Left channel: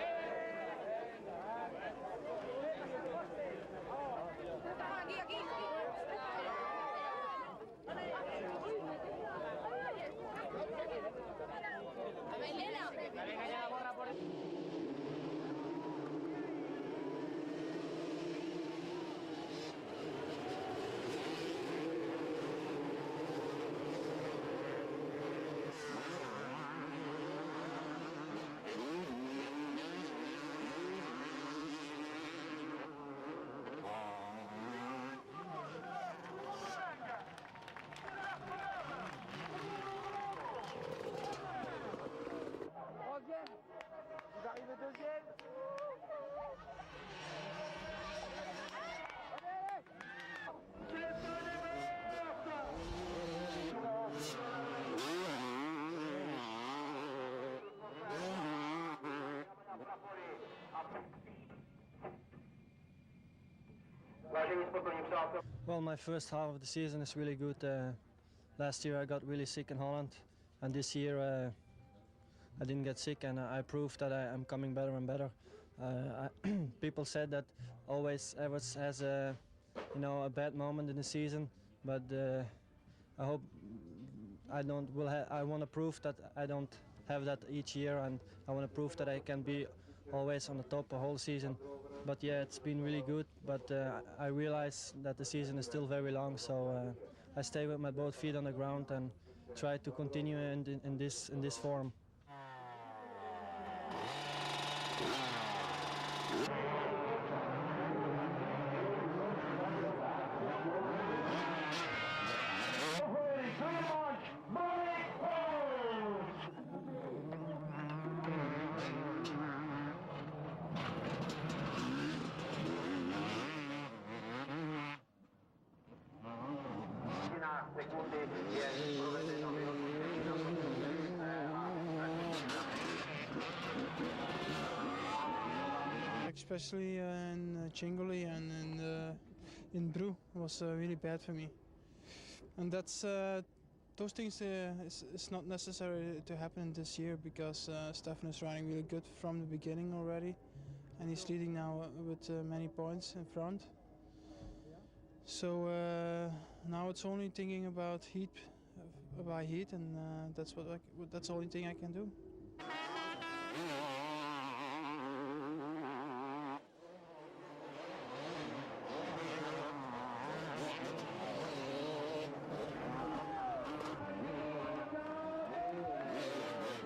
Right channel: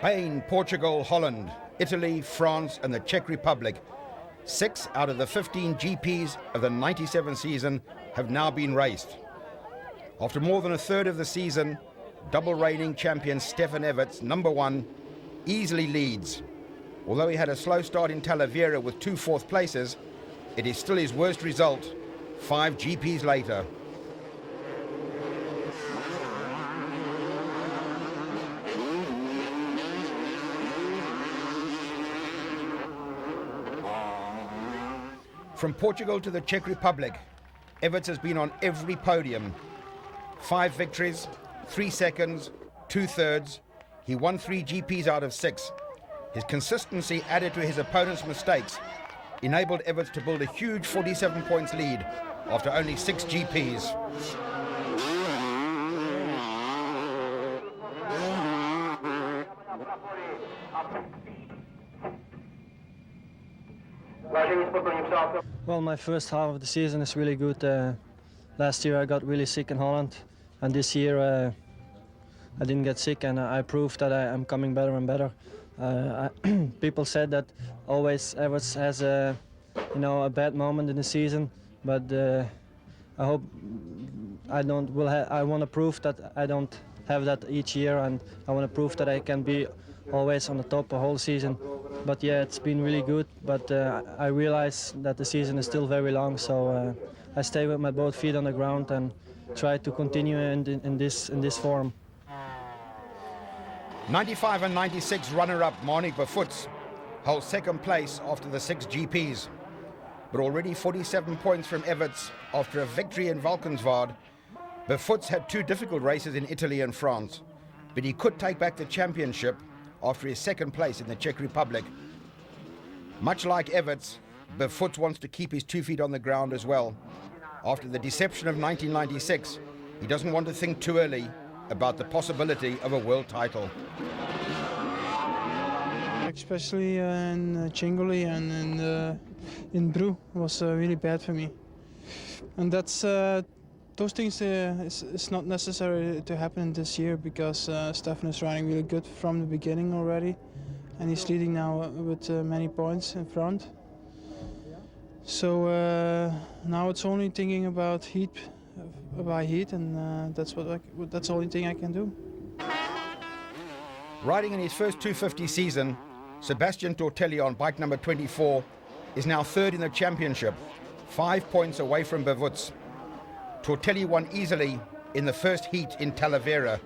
Spain, Portugal, Holland, Italy, France and the Czech Republic. 6 out of the 15 GPs of the 97 season have now been raced. After more than a third of the season, double reigning champion Stefan Everts, number 1, easily leads. Although he had a slow start in Talavera with 2 fourth places, it is still his worst result 5 GPs later. From Portugal to the Czech Republic, Everts has been on every podium. 5 victories, 3 seconds, 2 thirds. He won 3 GPs out of 6. His consistency added to his opponent's mistakes enabled Everts to build a huge 47 points lead after only 6 GPs. Well, my first half of the season is really good. Last year I got really sick in Holland, and this year I didn't get sick, and I proved that I am coming better and better. People said that always Everts has a bad moment in the season, but I hope I don't. I want to prove that I don't have that each year, and I want to prove that I can be always on the top the whole season. But yeah, it's been really good, but I realize that the season is still very long, so I stay with my both feet on the ground and try to continue in this form. 95 and 96 runner-up Marnik Befuts holds second place after the 6 GPs, but already 47 points from Everts after a victory in Valkenswaard. Befuts had 2 difficult races in Italy and France, but he could take back the championship after his second place in the Czech Republic. Much like Everts, Befuts wants to keep his 2 feet on the ground as well. After the deception of 1996, he doesn't want to think too early about the possibility of a world title. Especially in Cingoli and in Bru was really bad for me. And that's those things it's not necessary to happen this year because Stefan is riding really good from the beginning already, and he's leading now with many points in front. So now it's only thinking about heat, and that's the only thing I can do. Riding in his first 250 season, Sebastian Tortelli on bike number 24 is now 3rd in the championship, 5 points away from Befuts. Tortelli won easily in the first heat in Talavera,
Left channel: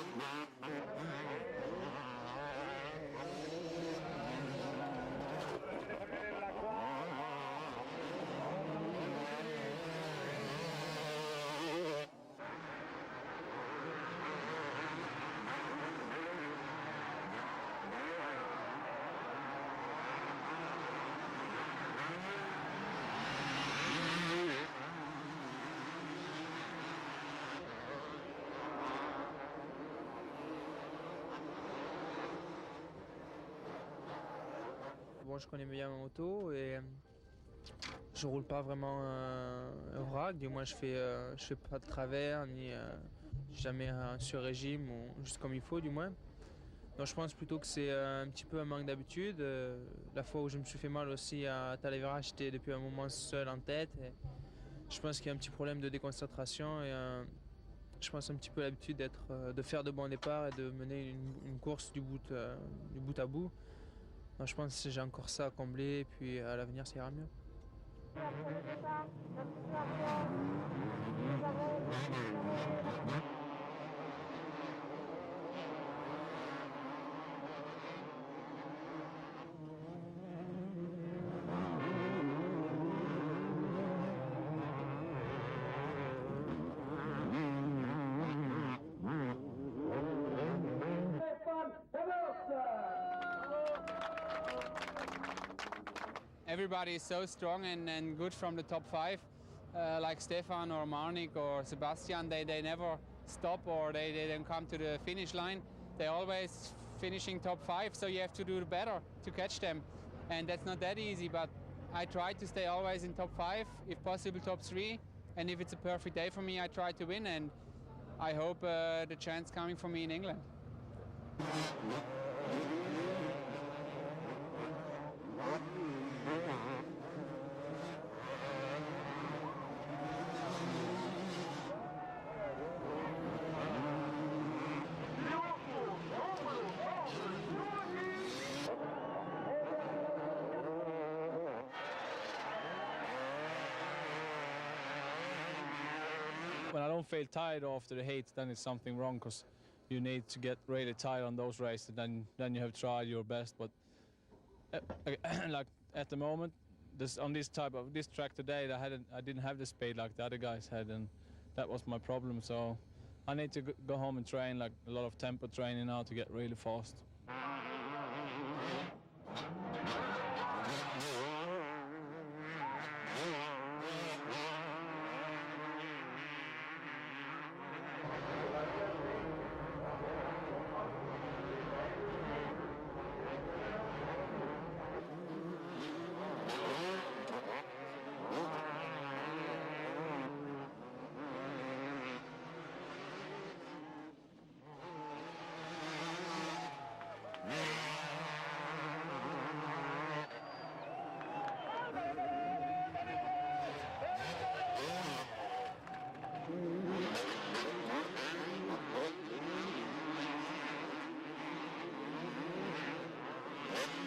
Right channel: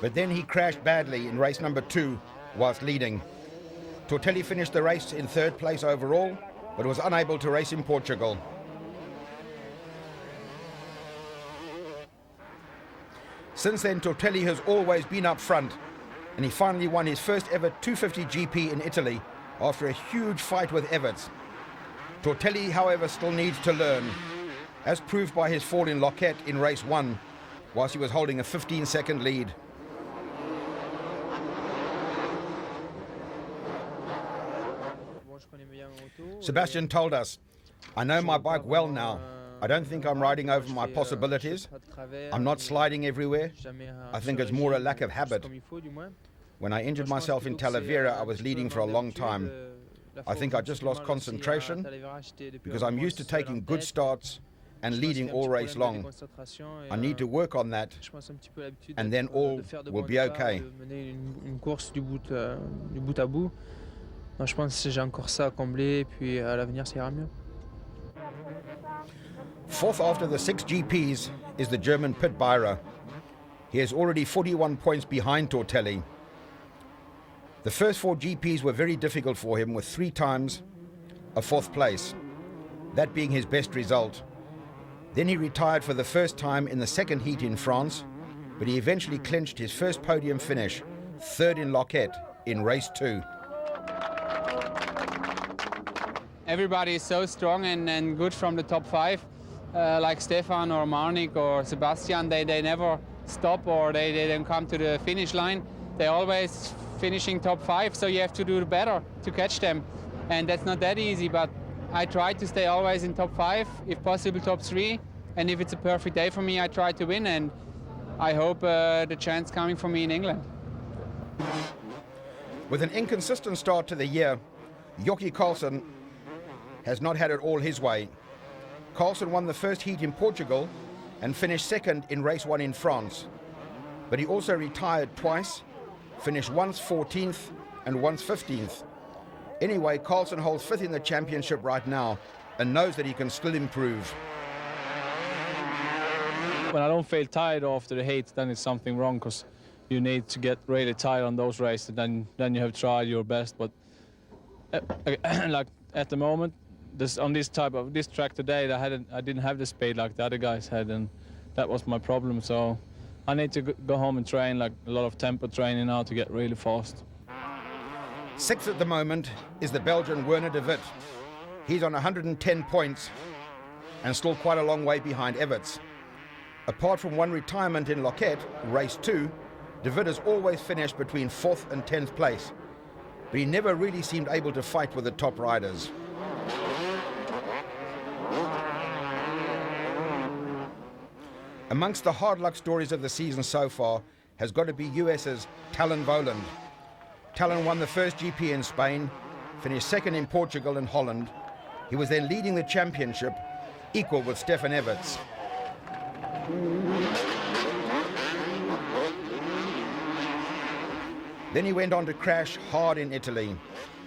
but then he crashed badly in race number 2 whilst leading. Tortelli finished the race in 3rd place overall, but was unable to race in Portugal. Since then, Tortelli has always been up front, and he finally won his first ever 250 GP in Italy after a huge fight with Everts. Tortelli, however, still needs to learn, as proved by his fall in Loquet in race 1, whilst he was holding a 15-second lead. Sebastian told us, "I know my bike well now. I don't think I'm riding over my possibilities. I'm not sliding everywhere. I think it's more a lack of habit. When I injured myself in Talavera, I was leading for a long time. I think I just lost concentration because I'm used to taking good starts and leading all race long. I need to work on that, and then all will be okay." Je pense que j'ai encore ça à combler, puis à l'avenir ça ira mieux. 4th after the 6 GPs is the German Pit Beira. He is already 41 points behind Tortelli. The first 4 GPs were very difficult for him, with 3 times a 4th place, that being his best result. Then he retired for the first time in the second heat in France, but he eventually clinched his first podium finish, 3rd in Loquet in race 2. Everybody is so strong and good from the top 5, like Stefan or Marnik or Sebastian. They never stop, or they don't come to the finish line. They're always finishing top 5, so you have to do better to catch them. And that's not that easy, but I try to stay always in top 5, if possible top 3. And if it's a perfect day for me, I try to win, and I hope the chance coming for me in England. With an inconsistent start to the year, Jockey Carlson has not had it all his way. Carlson won the first heat in Portugal and finished second in race 1 in France. But he also retired twice, finished once 14th and once 15th. Anyway, Carlson holds 5th in the championship right now and knows that he can still improve. When I don't feel tired after the heat, then it's something wrong, because you need to get really tired on those races. Then you have tried your best. But like at the moment, on this track today, I didn't have the speed like the other guys had, and that was my problem. So I need to go home and train, like a lot of tempo training now, to get really fast. 6th at the moment is the Belgian Werner de Wit. He's on 110 points and still quite a long way behind Everts. Apart from one retirement in Loquet, race 2, de Wit has always finished between 4th and 10th place, but he never really seemed able to fight with the top riders. Amongst the hard luck stories of the season so far has got to be US's Talon Voland. Talon won the first GP in Spain, finished second in Portugal and Holland. He was then leading the championship, equal with Stefan Everts. Then he went on to crash hard in Italy.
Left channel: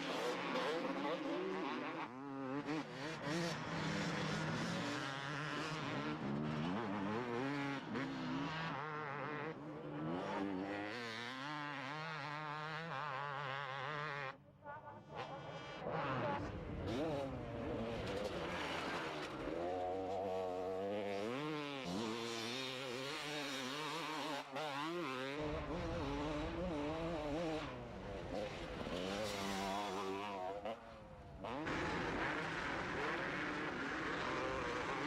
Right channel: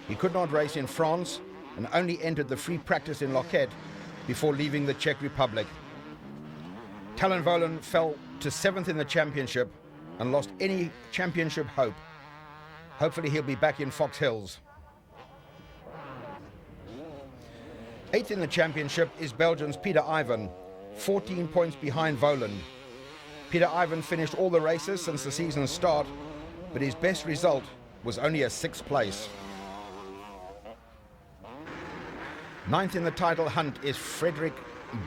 He could not race in France and only entered the free practice in Loquet before leaving the Czech Republic. Talon Voland fell to 7th in the championship and lost any championship hope. Hopefully he'll be back in Fox Hills. 8th in the championship is Belgium's Peter Ivan, 14 points behind Voland. Peter Ivan finished all the races since the season's start, but his best result was only a 6th place. 9th in the title hunt is Frederick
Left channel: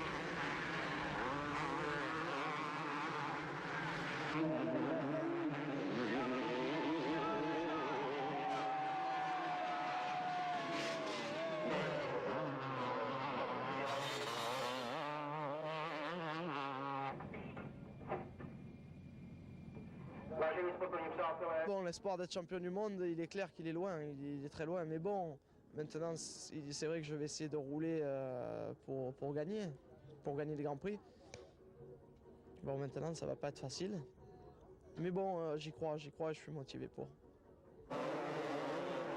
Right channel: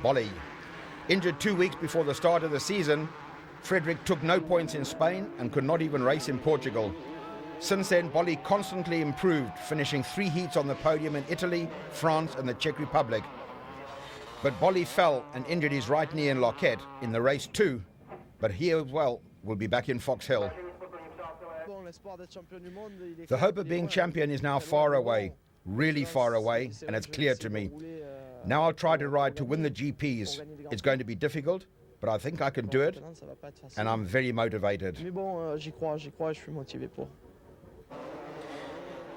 Bolli. Injured 2 weeks before the start of the season, Frederick took no points in Spain and could not even race in Portugal. Since then, Bolli constantly improved, finishing 3 heats on the podium in Italy, France and the Czech Republic. But Bolli fell and injured his right knee in Loquet in the race 2, but he as well will be back in Fox Hill. The hope of being champion is now far away, really far away, and it's clear to me. Now I'll try to ride to win the GPs. It's going to be difficult, but I think I can do it, and I'm very motivated.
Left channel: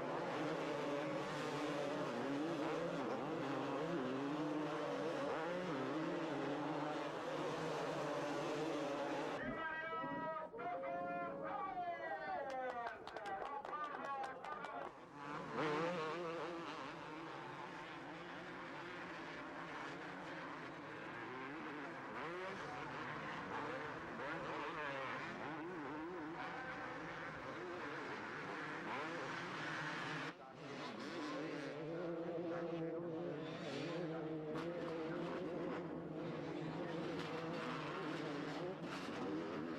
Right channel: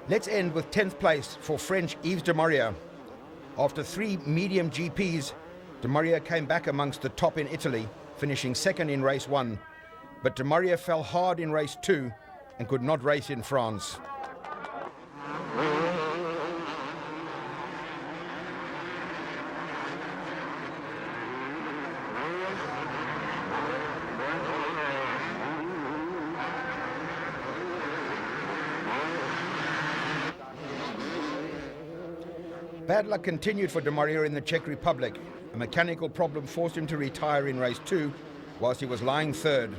Let's end with 10th place for French Yves de Maria. After 3 medium GPs, de Maria came back amongst the top in Italy, finishing second in race 1. But de Maria fell hard in race 2 and could not race in France. Bad luck continued for de Maria in the Czech Republic. A mechanical problem forced him to retire in race 2 whilst he was lying third.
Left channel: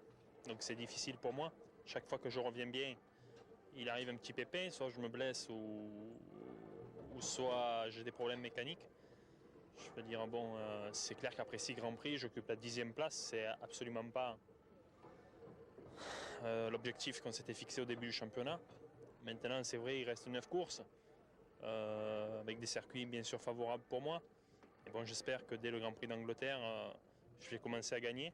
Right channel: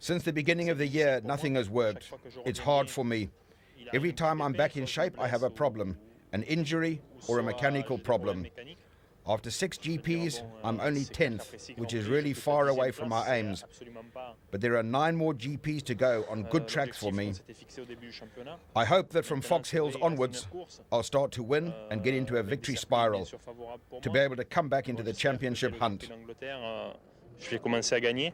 Since the beginning of the year, nothing has worked. It's hard for me. Every time I'm back in shape, I have a problem, an injury or a mechanical problem. After 6 GPs, I'm only 10th, which is really far away from our aims. But there are 9 more GPs to go on good tracks for me. I hope that from Fox Hills onwards, I'll start to win and get into a victory spiral, to be able to come back into the championship hunt. Je vais commencer à gagner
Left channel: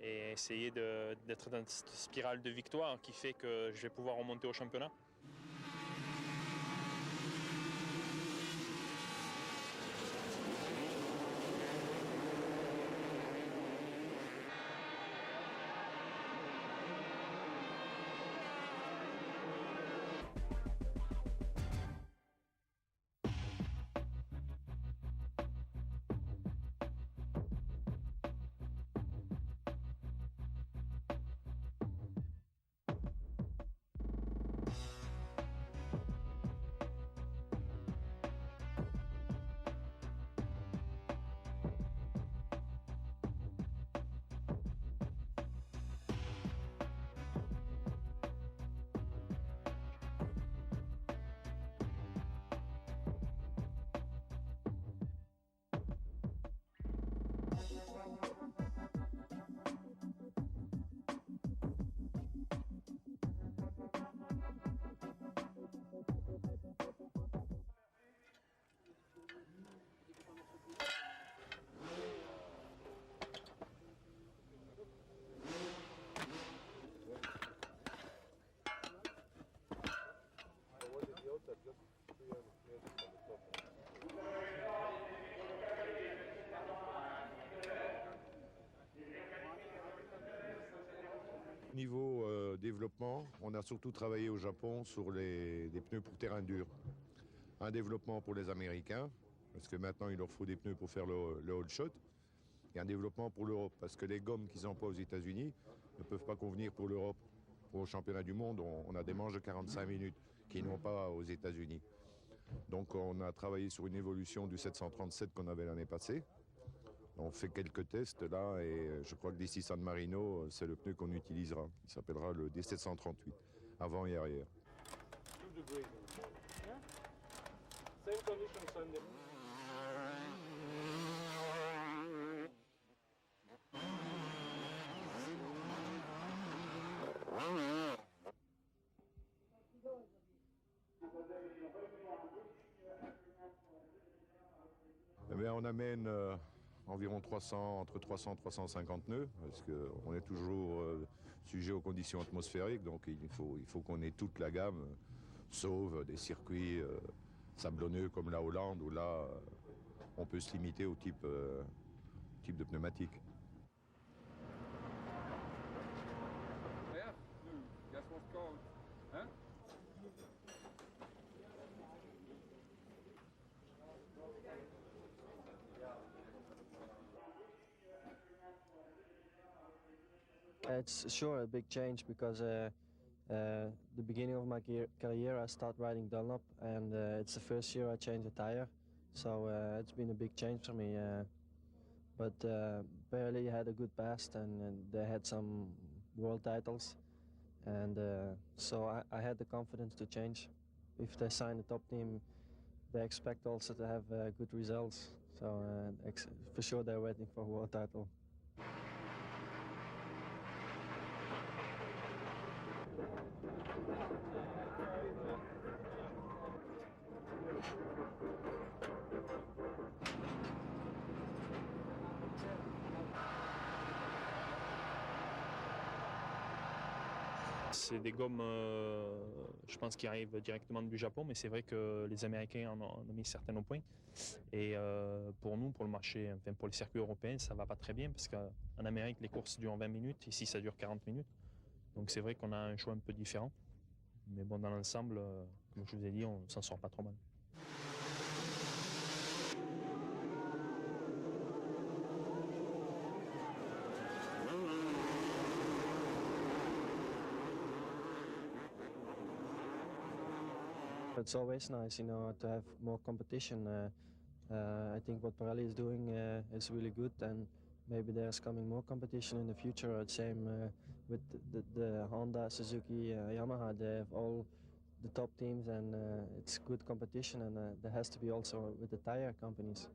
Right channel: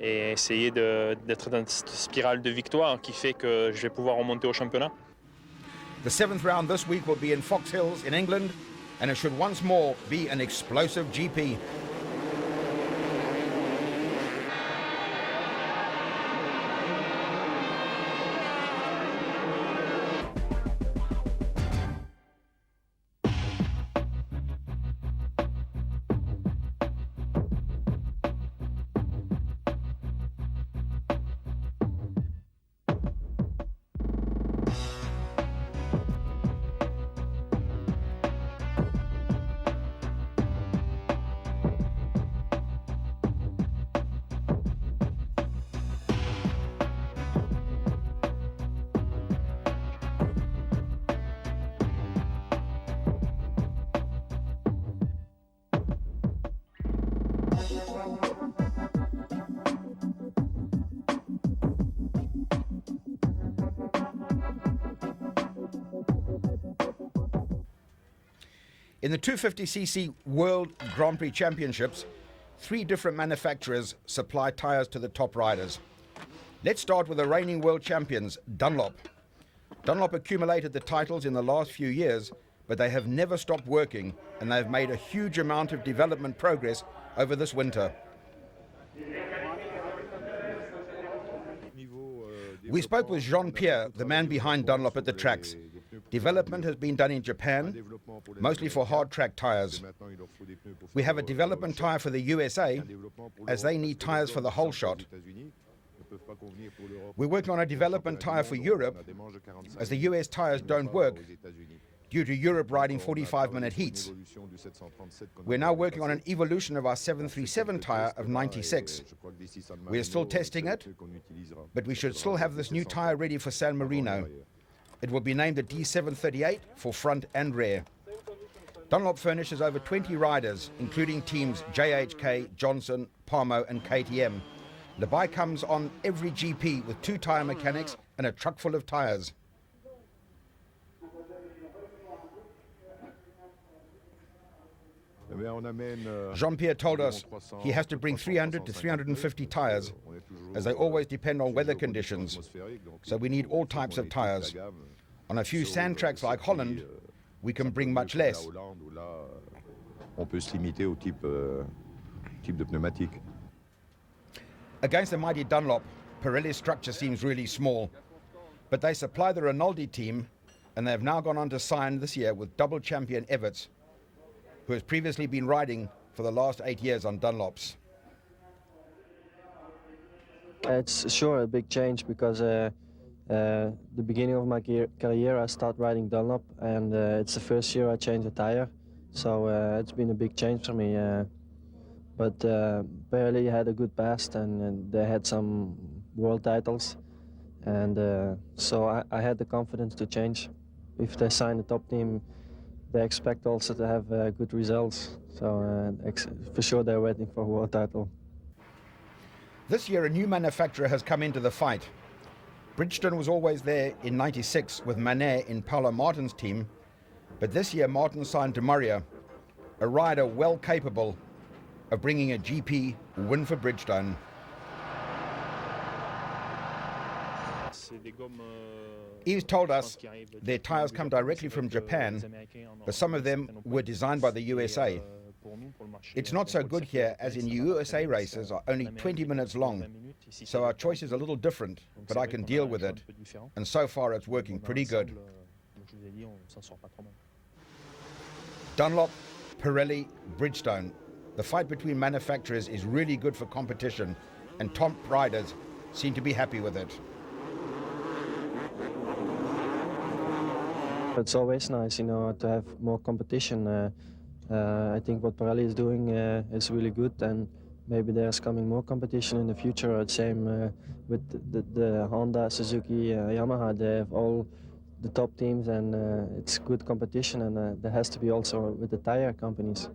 et essayer d'être dans cette spirale de victoire qui fait que je vais pouvoir remonter au championnat. The 7th round this week will be in Fox Hills in England, and it should once more be an explosive GP. In the 250cc World Grand Prix Championships, 3 different manufacturers supply tyres to the top riders. Let's start with the reigning world champions, Dunlop. Dunlop accumulated the titles in the last few years, but they have never stopped working, and they've made a huge amount of development progress over this winter. We spoke with Jean-Pierre, the man behind Dunlop at the tracks. Development has been done in Japan, mostly for hard track tyres. We have a development tyre for the USA, as they need tyres for the whole shot. We're working on a development tyre for Europe, as the US tyres don't work due to Europe riding 45-minute heats. We're now working on an evolution of our 737 tyre of 96. We're still testing it, but we should still have this new tyre ready for San Marino. It will be named the D738 for front and rear. Dunlop furnishes over 20 riders, including teams JHK, Johnson, Parmo and KTM. The bike comes on every GP with 2 tyre mechanics and a truck full of tyres. Jean-Pierre told us he has to bring 300 to 350 tyres, as they always depend on weather conditions, so we need all types of tyres. On a few sand tracks like Holland, we can bring much less. Against the mighty Dunlop, Pirelli's structure seems really small, but they supply the Rinaldi team, and they have now gone on to sign this year with double champion Everts, who has previously been riding for the last 8 years on Dunlops. It's sure a big change because the beginning of my career I started riding Dunlop, and it's the first year I changed a tire, so it's been a big change for me. But Pirelli had a good past, and they had some world titles, and so I had the confidence to change. If they sign the top team, they expect also to have good results, so for sure they're waiting for a world title. This year a new manufacturer has come into the fight. Bridgestone was always there in '96 with Manet in Paolo Martin's team, but this year Martin signed Demurrier, a rider well capable of bringing a GP win for Bridgestone. Yves told us their tyres come directly from Japan, but some of them were designed by the USA. It's not so good here, as in USA races are only 20 minutes long, so our choice is a little different, but I can deal with it, and so far it's working pretty good. Dunlop, Pirelli, Bridgestone. The fight between manufacturers is really good for competition, and top riders seem to be happy with it. It's always nice, to have more competition. I think what Pirelli is doing is really good, and maybe there's coming more competition in the future. Same with the Honda, Suzuki, Yamaha. They have all the top teams, and it's good competition, and there has to be also with the tire companies.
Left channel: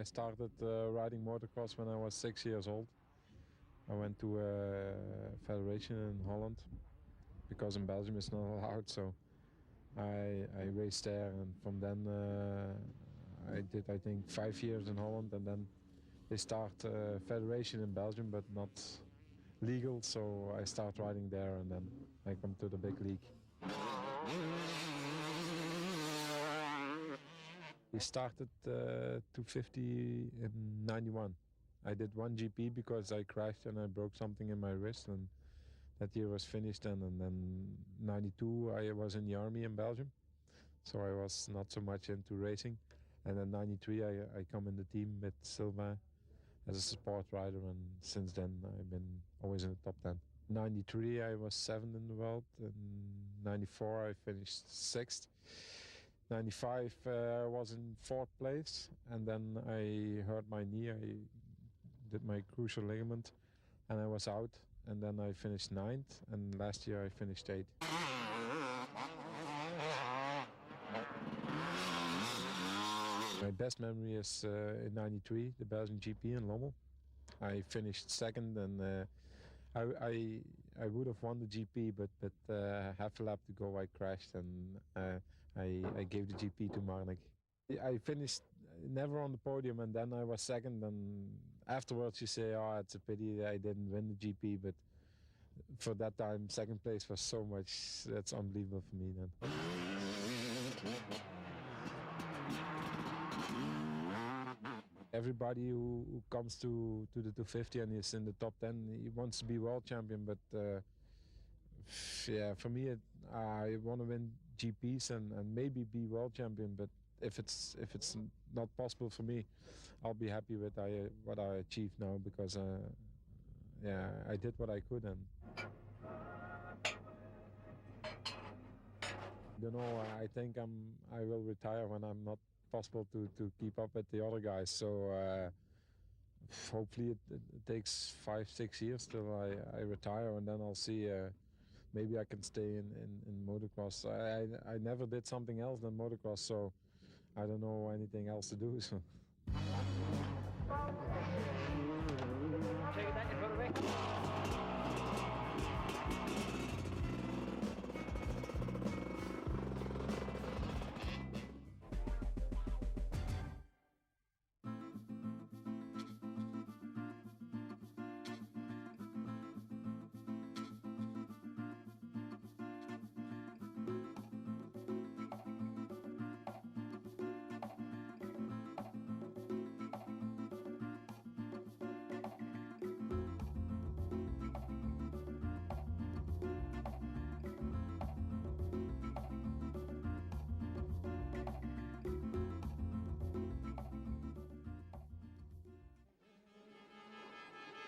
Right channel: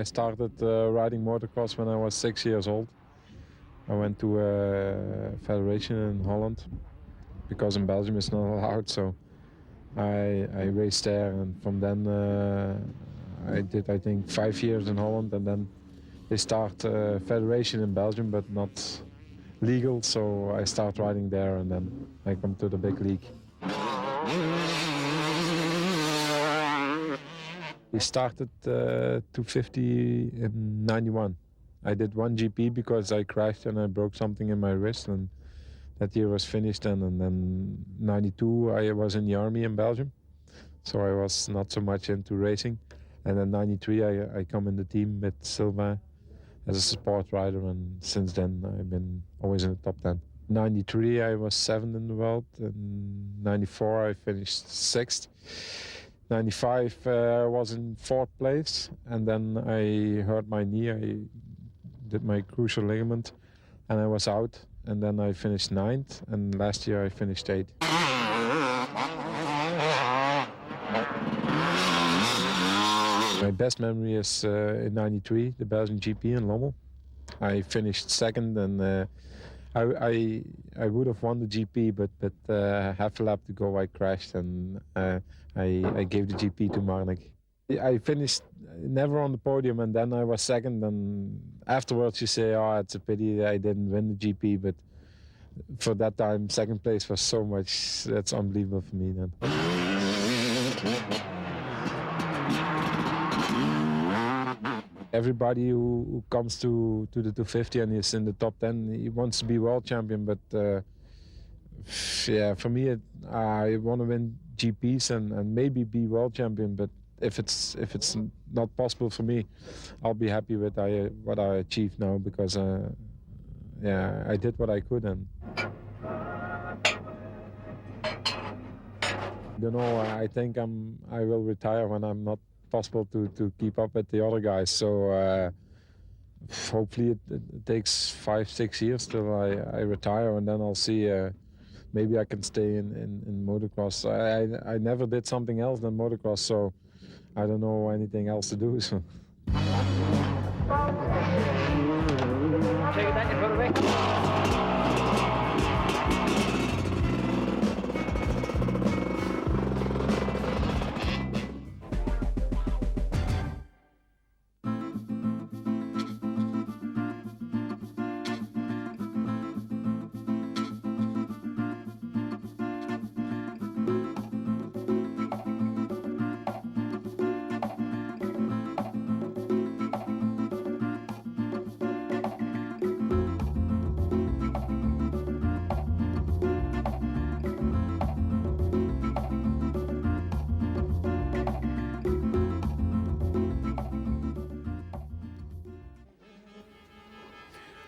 I started riding motocross when I was 6 years old. I went to a federation in Holland because in Belgium it's not allowed, so I raced there, and from then I did, I think, 5 years in Holland, and then they start a federation in Belgium but not legal, so I start riding there, and then I come to the big league. We started 250 in '91. I did one GP because I crashed and I broke something in my wrist, and that year was finished then. And then '92 I was in the army in Belgium, so I was not so much into racing. And then '93 I come in the team with Sylvain as a support rider, and since then I've been always in the top 10. 93 I was 7th in the world, in 94 I finished 6th. 95 I was in 4th place, and then I hurt my knee. I did my crucial ligament and I was out, and then I finished 9th, and last year I finished 8th. My best memory is in 93, the Belgian GP in Lommel. I finished 2nd, and I would have won the GP, but half a lap to go I crashed, and I gave the GP to Marnik. I finished never on the podium, and then I was 2nd, and afterwards you say, oh, it's a pity that I didn't win the GP, but for that time 2nd place was so much, that's unbelievable for me then. Everybody who comes to the 250 and is in the top 10, he wants to be world champion, but yeah, for me, I want to win GPs and maybe be world champion, but if it's not possible for me, I'll be happy with what I achieved now, because yeah, I did what I could, and you know, I think I will retire when I'm not possible to keep up with the other guys. So hopefully it takes 5-6 years till I retire, and then I'll see. Maybe I can stay in motocross. I never did something else than motocross, so I don't know anything else to do. So.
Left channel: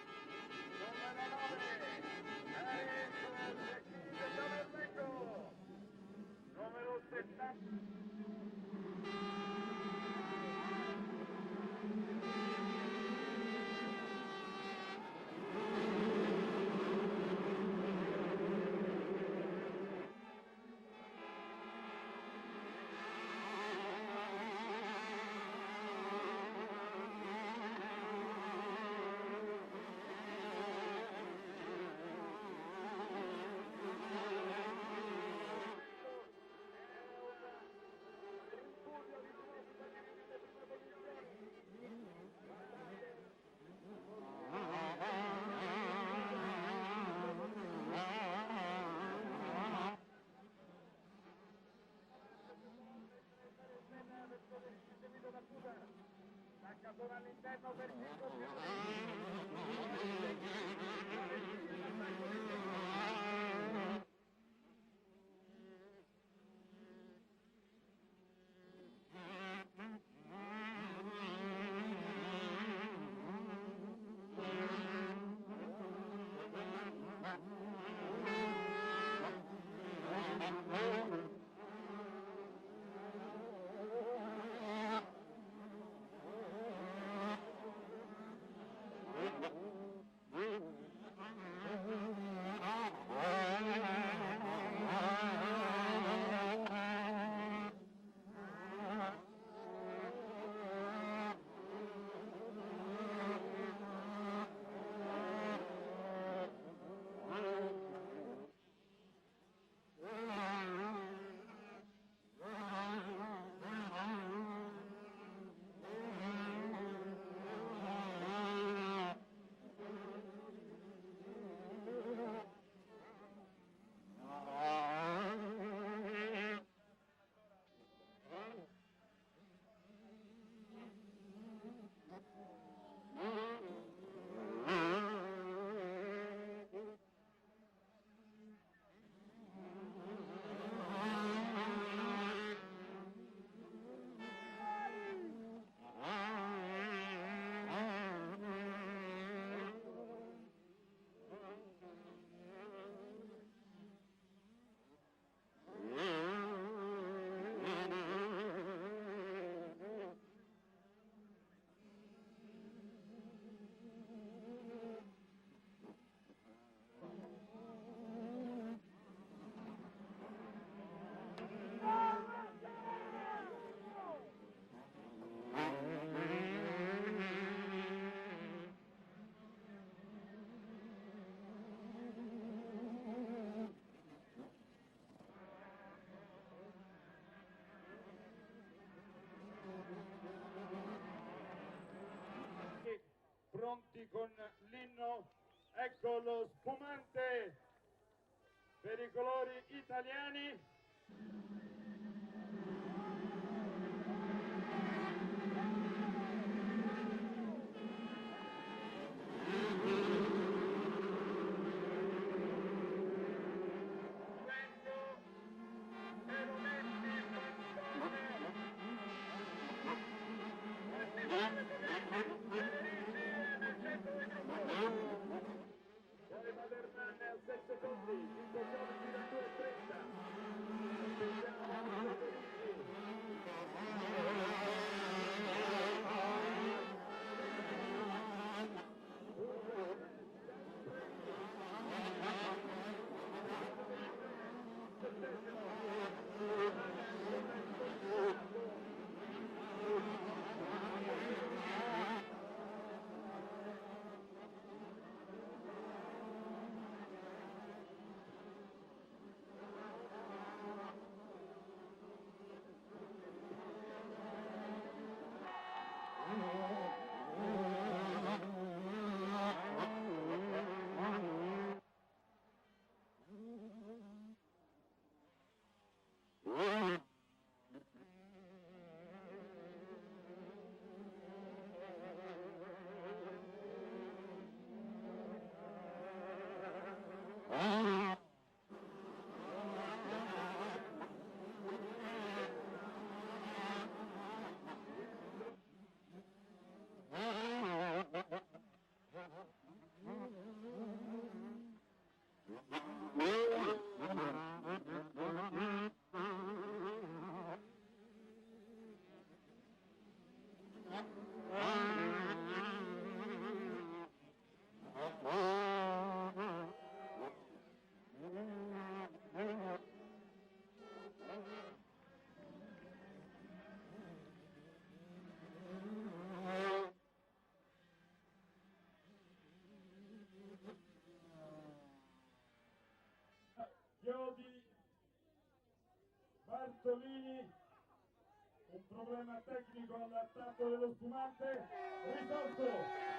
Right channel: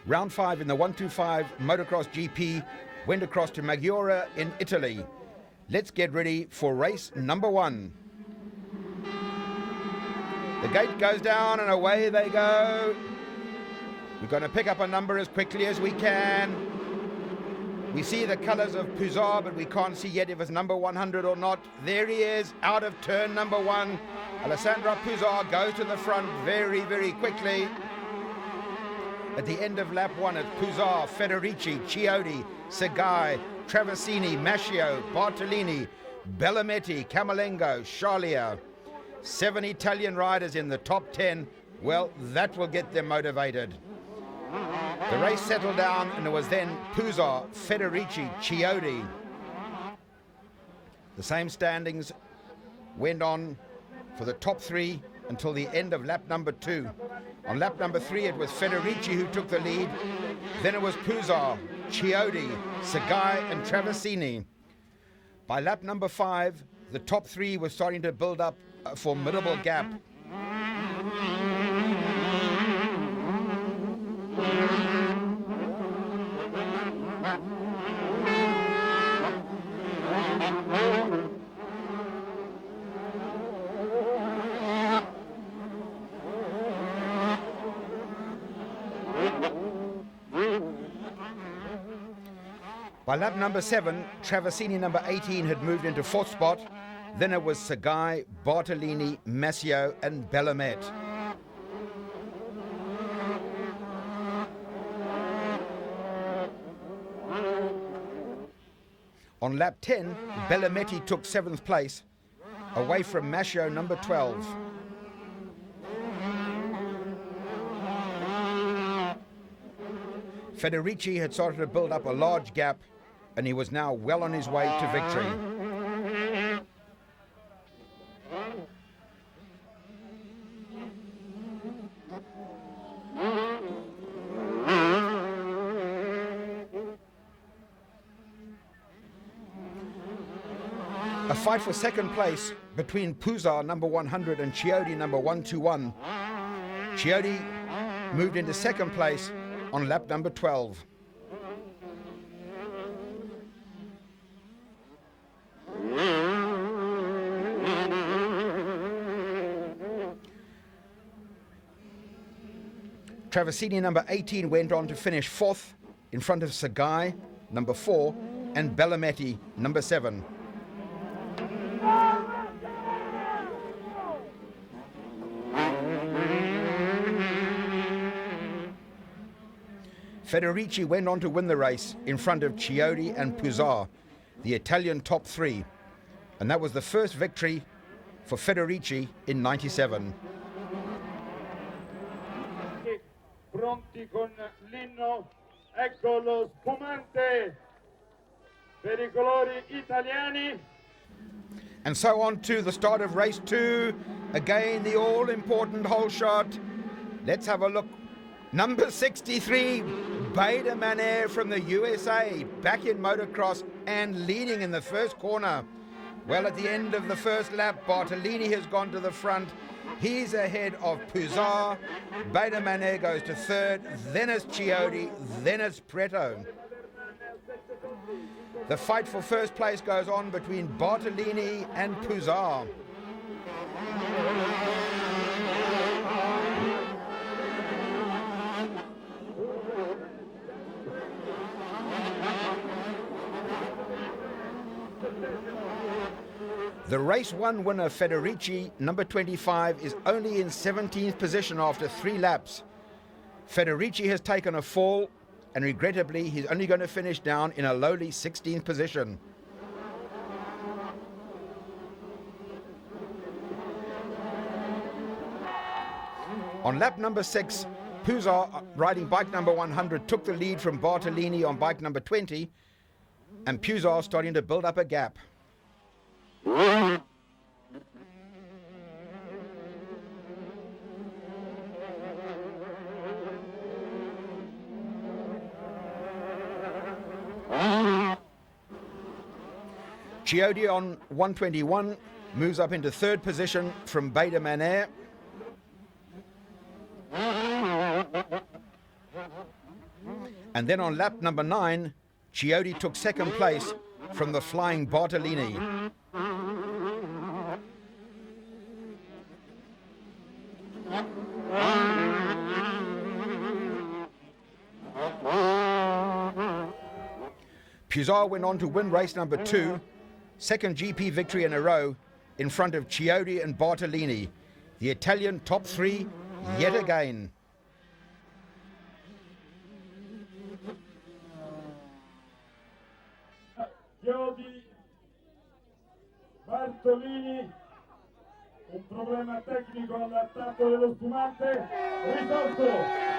Round 5 in the 125 Motocross GP went across to Maggiora in Italy. Let's get ready for race number 1. The gate goes down and away they go. We're going to pick up a number as quickly as we can. We see the colors of Puzar, but we can't see yet if it's number 100 or not. There he is, out of turn number 1. Alessandro Puzar goes to the front very, very quickly. At the end of lap 1, it's Puzar, Federici, Chiodi, Segai, Traversini, Mascio, Bartolini, Bellametti, Camalengo, Charlia. 7 Italian riders in the top 10. Well, that will get them motivated. The race settled down, and it was then Puzar, Federici, Chiodi. The same standings went on for the top 3 until the end of lap number 2. On lap number 3, it was Federici who took the lead. Then it was Puzar, Chiodi, Segai, and Traversini. By lap number 5, the top 3 were starting to build up a formidable gap. By lap number 7, Traversini number 18 had moved into 4th spot. Then it was Segai, Bartolini, Mascio, and Bellamet. On lap 10, Bellametti took 7th place, away from Mascio number 12. Federici had started to build up a large gap, and he was now well on his way to victory. A fight for 2nd place between Puzar number 100 and Chiodi number 121. Chiodi moved into second place on lap number 12. Traversini number 18 went on to finish fourth in front of Cingoli number 4 and Bellametti number 7. Federici went on to win the race in front of Chiodi and Puzzar, the Italian top 3, and that was the first victory for Federici in '97. Pronti con l'inno, ecco lo spumante per I colori italiani. And so on to the start of race 2. Again, the all-important hole shot. Let's have a look. Number 63, Beda Manair from the USA, back in motocross and leading in the first corner. Well, at the end of the first lap, Bartolini has gone to the front. He's ahead of Puzzar. Beda Manair goes to third, then it's Chiodi, then it's Preto. The fight for first place goes on between Bartolini and Puzzar. The race 1 winner, Federici, number 25, is only in 17th position after 3 laps. Federici has taken a fall, and regrettably, he's only going to finish down in a lowly 16th position. On lap number 6, Puzzar, riding bike number 100, took the lead from Bartolini on bike number 20, and Puzzar starting to build up a gap. Chiodi on 121 moves up into third position from Beda Manair. And then on lap number 9, Chiodi took second place from the flying Bartolini. Puzzar went on to win race number 2, second GP victory in a row in front of Chiodi and Bartolini, the Italian top 3 yet again. Chiodi, Bartolini, un problema tecnico all'attacco dello spumante, risolto.